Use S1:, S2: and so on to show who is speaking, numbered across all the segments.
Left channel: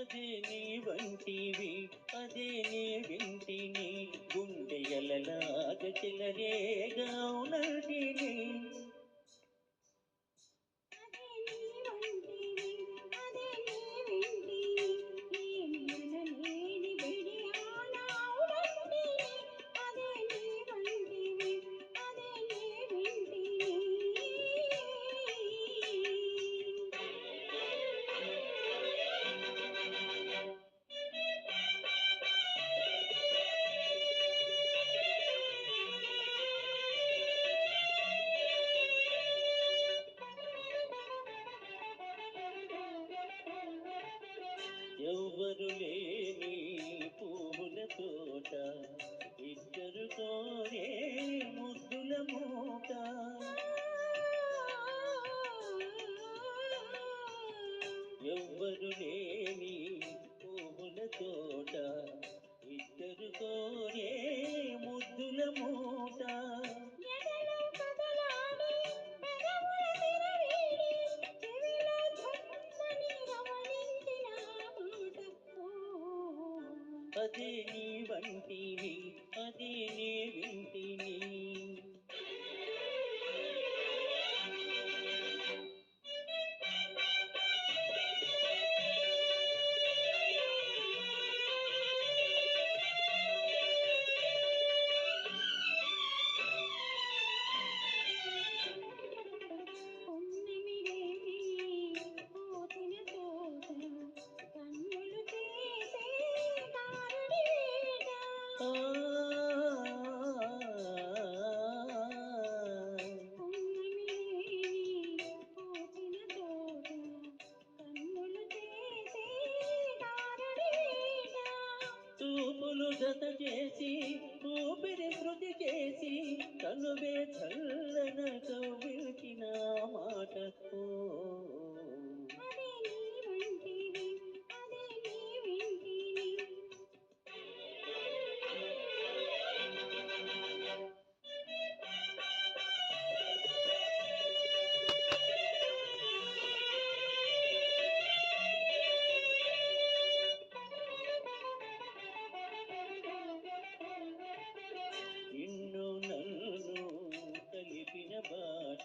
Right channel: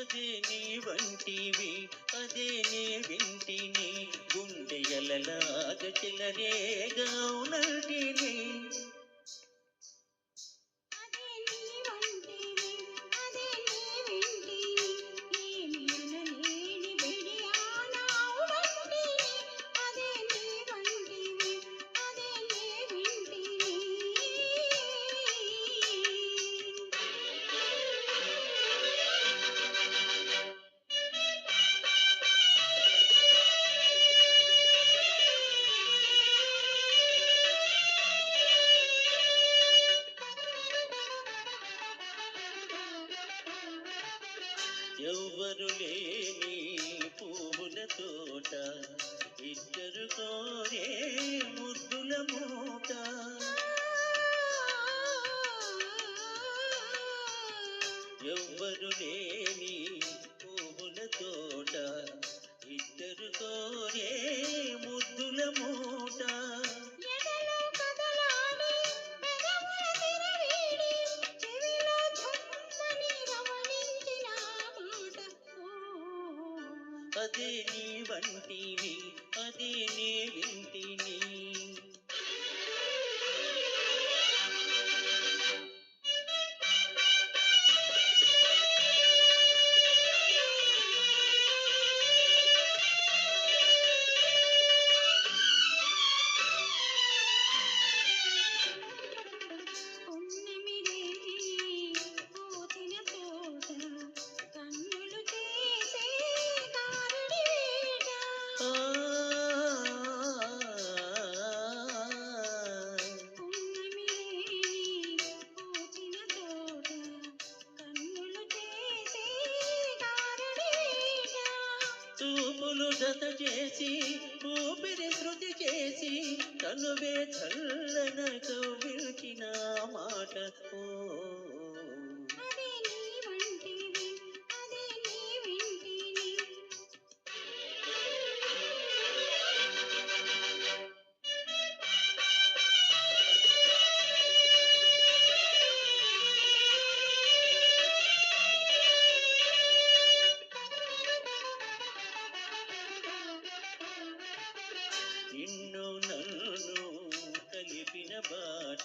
S1: అదే నీ వంటివి అదే నీ వింటిని గుండెయలలాగ చెలరేగా ఉన్నటిని ఎవ్వరు లేని పూల తోట ఇద్దరు కోరే ముద్దుల మూట. ఎవ్వరు లేని పూల తోట అదే నీ వంటిని అదే నే వింటిని. చూపులు జత చేసి ఊపిరి శృతి చేసి కనువే చల్లన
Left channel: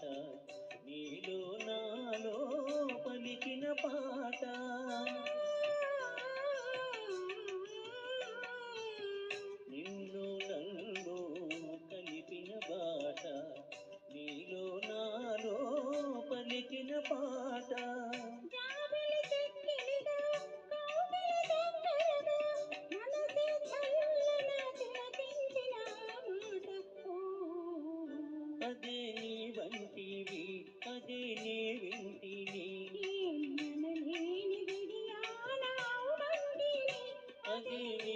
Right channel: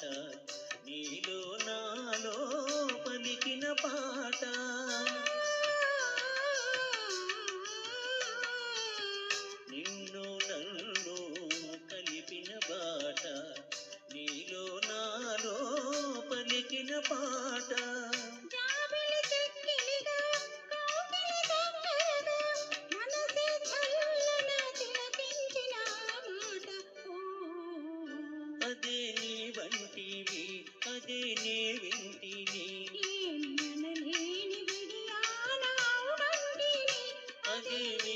S1: কাছে విడివి అదే నే వింటిని. అదే